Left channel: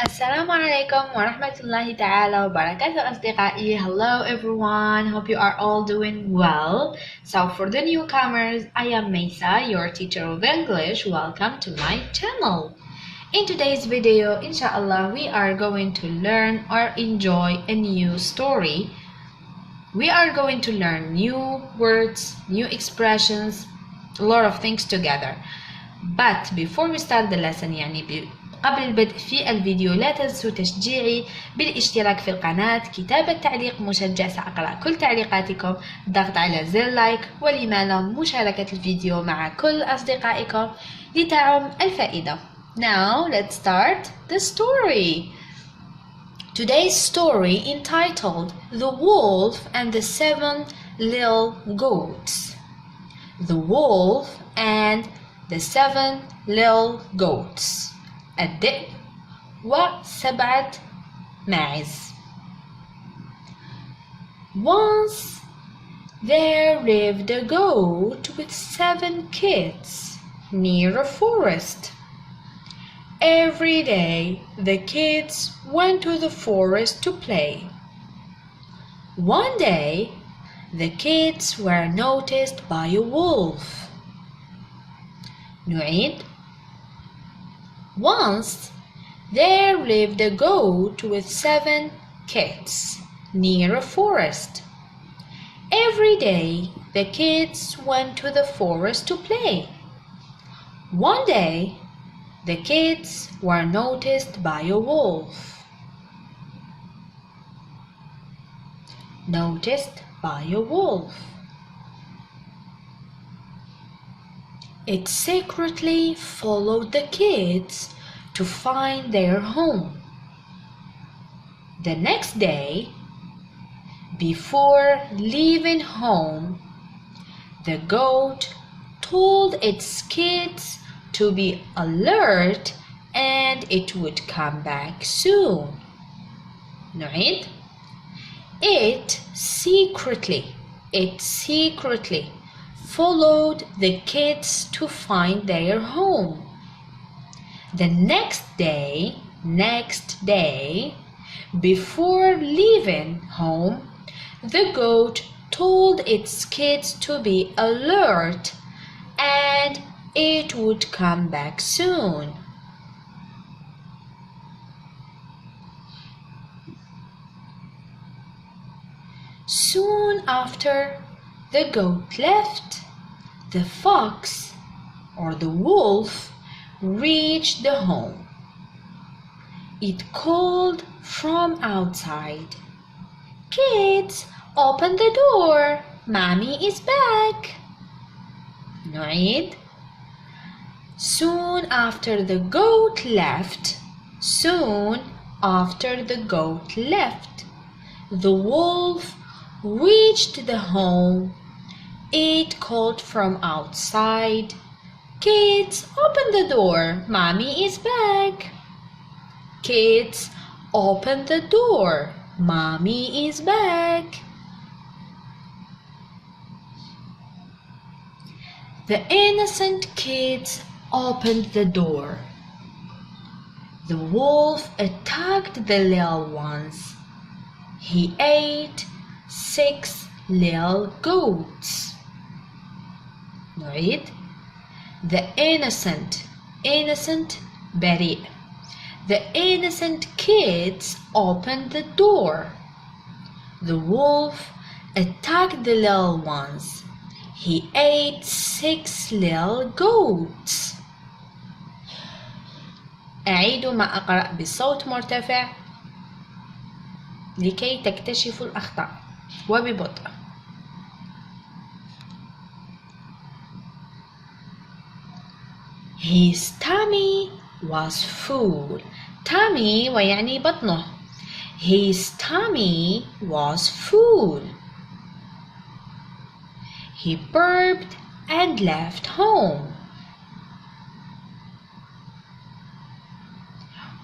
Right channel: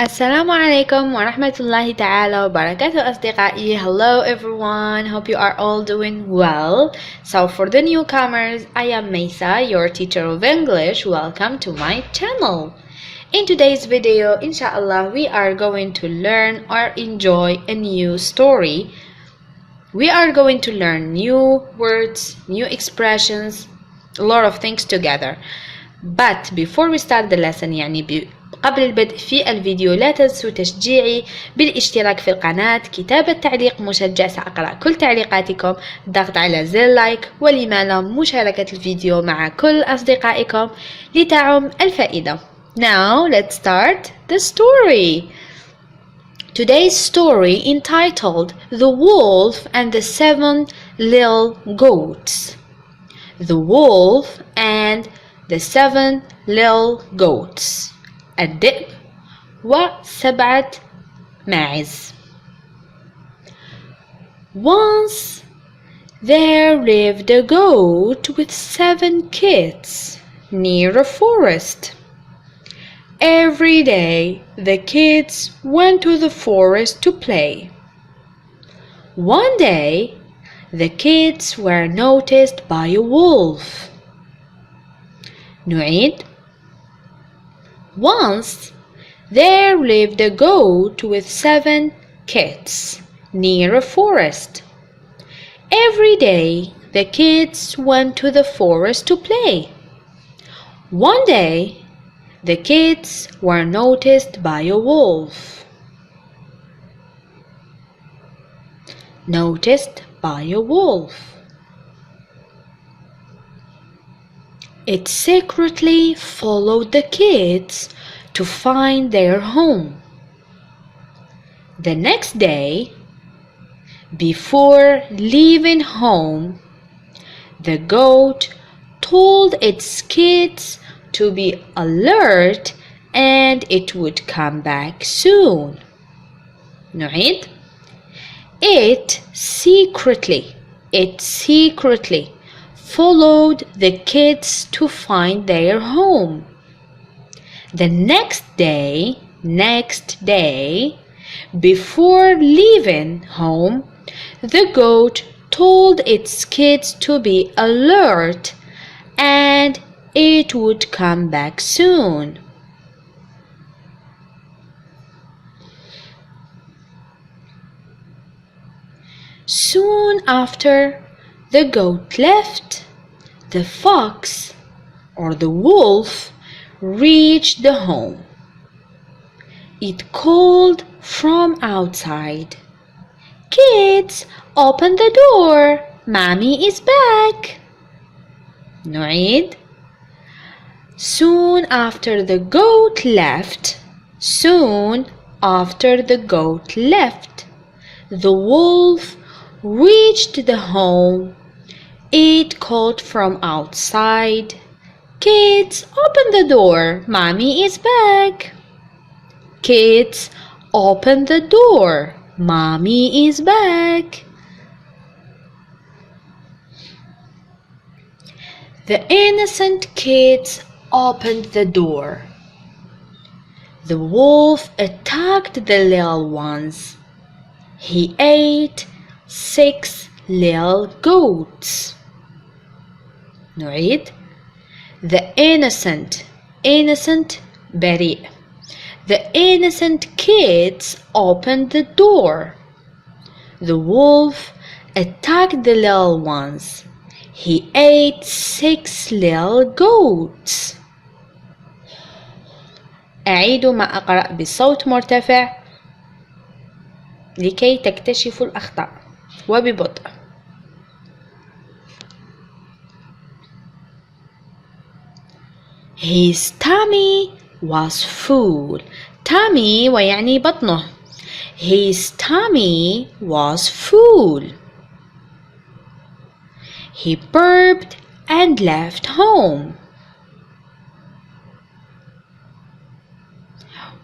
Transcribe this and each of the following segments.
Assalamu alaikum wa rahmatullahi ta'ala wa barakatuh asdiqai. Hello everyone, hope you are all doing well. So for the newcomers, I am Maysa, your teacher of English. Welcome to my channel. In today's video, inshallah, we are going to learn or enjoy a new story. We are going to learn new words, new expressions, a lot of things together. But before we start the lesson, قبل البدء في الفيديو لا تنسوا تشجيعي بالاشتراك في القناة، كتابة تعليق مشجع، سأقرأ كل تعليقاتكم، الضغط على زر لايك، ولما لا مشاركة الفيديو مع كل أصدقائكم لتعم الفائدة. Now let's start the story. Today's story entitled The Wolf and the Seven Little Goats. The Wolf and the Seven Little Goats. الذئب وسبعة ماعز. Once there lived a goat with 7 kids near a forest. Every day the kids went to the forest to play. One day the kids were noticed by a wolf. نعيد. Once there lived a goat with 7 kids near a forest. Every day the kids went to the forest to play. One day the kids were noticed by a wolf. Noticed by a wolf. It secretly followed the kids to find their home. The next day, before leaving home, the goat told its kids to be alert and it would come back soon. نعيد. It secretly followed the kids to find their home. The next day, before leaving home, the goat told its kids to be alert and it would come back soon. Soon after the goat left, the fox or the wolf reached the home. It called from outside, "Kids, open the door, Mommy is back." نعيد. Soon after the goat left, the wolf reached the home. It called from outside, "Kids, open the door, Mommy is back." Kids, open the door, Mommy is back. The innocent kids opened the door. The wolf attacked the little ones. He ate 6 little goats. نعيد. The innocent بريء. The innocent kids opened the door. The wolf attacked the little ones. He ate 6 little goats. أعيد ما أقرأ بصوت مرتفع لكي تكتشفوا الأخطاء وببطء. His tummy was full. tummy ويعني بطنه. His tummy was full. He burped and left home.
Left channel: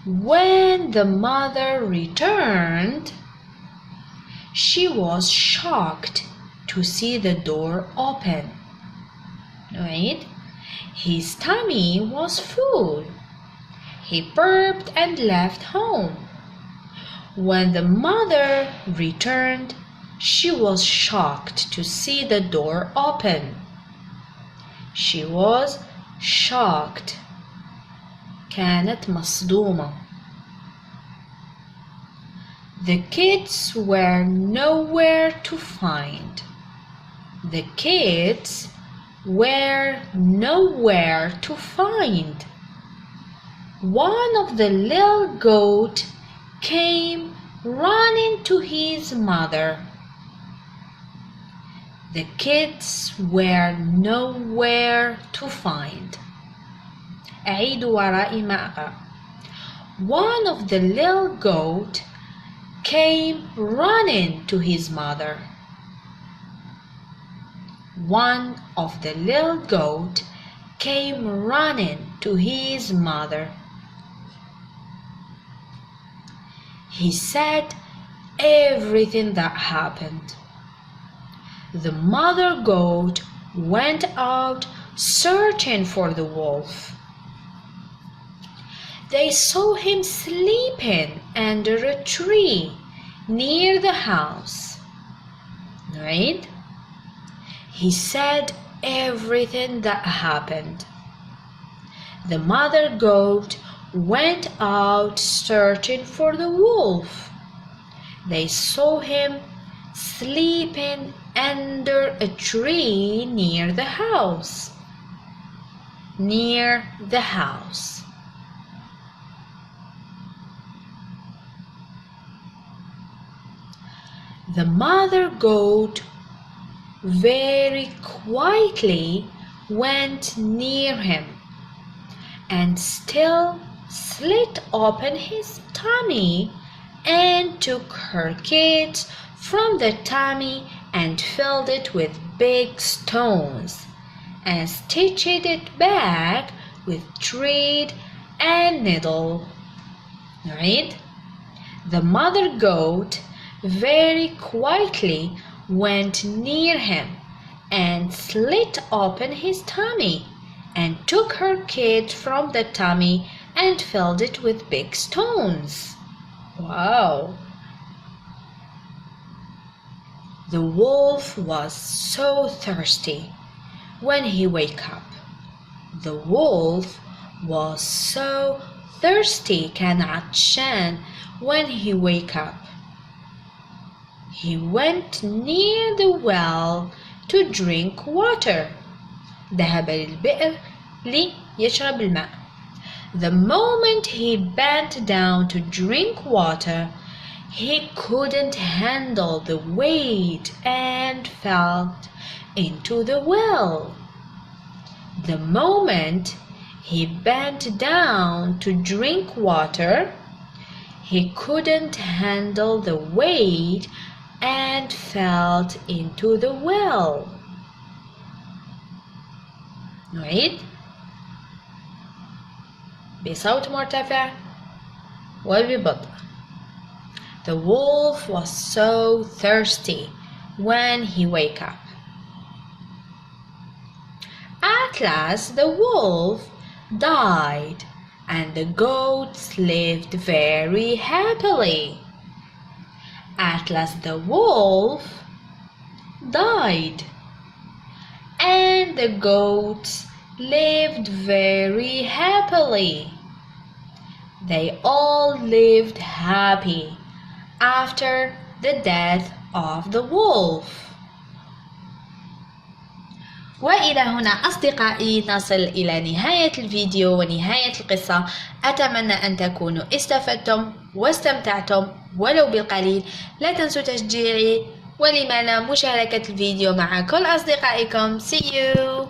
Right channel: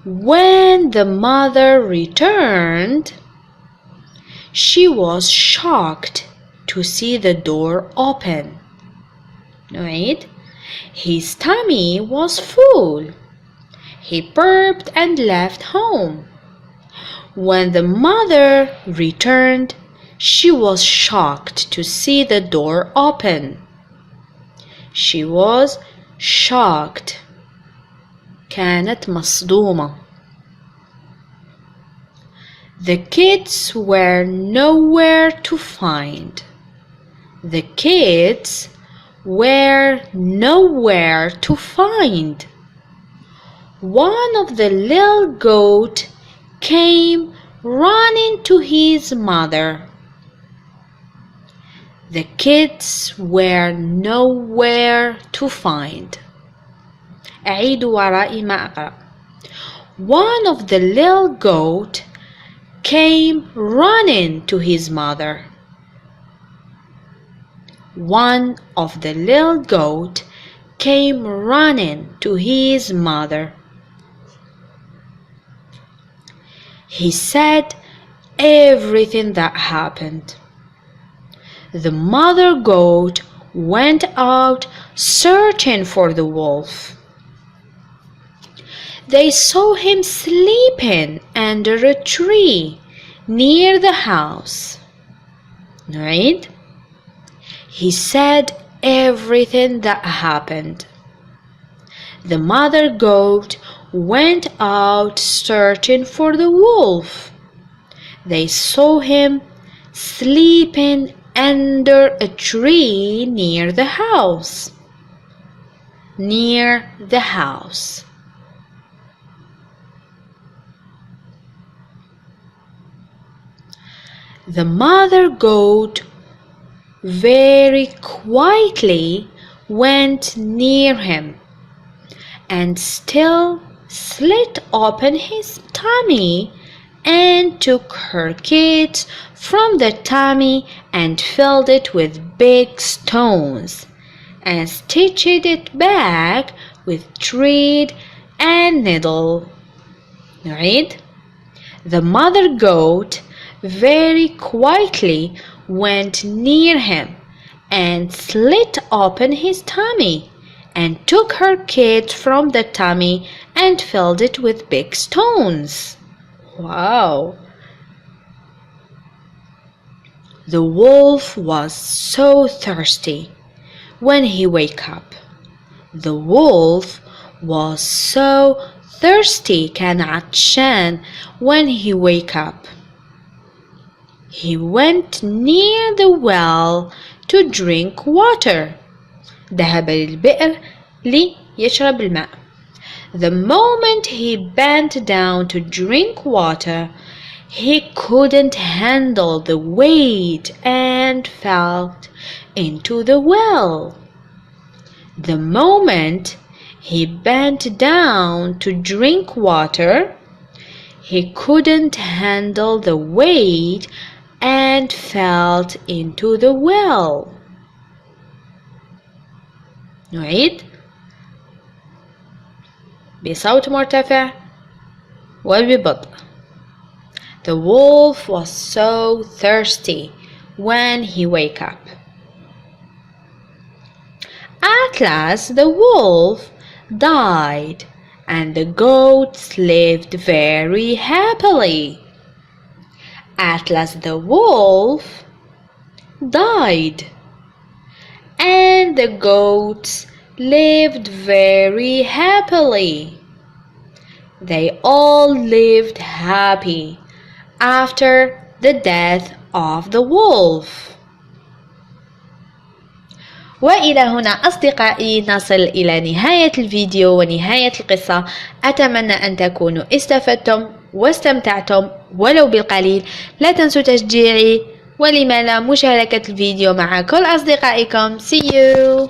When the mother returned, she was shocked to see the door open. نعيد. His tummy was full. He burped and left home. When the mother returned, she was shocked to see the door open. She was shocked. كانت مصدومة. The kids were nowhere to find. The kids were nowhere to find. One of the little goat came running to his mother. The kids were nowhere to find. أعيدوا ورائي ما أقرأ. One of the little goat came running to his mother. One of the little goat came running to his mother. He said everything that happened. The mother goat went out searching for the wolf. They saw him sleeping under a tree near the house. Right? He said everything that happened. The mother goat went out searching for the wolf. They saw him sleeping under a tree near the house. Near the house. The mother goat very quietly went near him and still slit open his tummy and took her kids from the tummy and filled it with big stones and stitched it back with thread and needle. Right? The mother goat very quietly went near him and slit open his tummy and took her kids from the tummy and filled it with big stones. Wow! The wolf was so thirsty when he woke up. The wolf was so thirsty كان عطشان when he woke up. He went near the well to drink water. ذهب للبئر ليشرب الماء. The moment he bent down to drink water, he couldn't handle the weight and fell into the well. The moment he bent down to drink water, he couldn't handle the weight and fell into the well. نعيد بصوت مرتفع وببطء. The wolf was so thirsty when he woke up. At last the wolf died and the goats lived very happily. At last the wolf died and the goats lived very happily. They all lived happy after the death of the wolf. وإلى هنا أصدقائي نصل إلى نهاية الفيديو ونهاية القصة. أتمنى أن تكونوا استفدتم واستمتعتم ولو بالقليل. لا تنسوا تشجيعي ولما لا مشاركة الفيديو مع كل أصدقائكم. See you!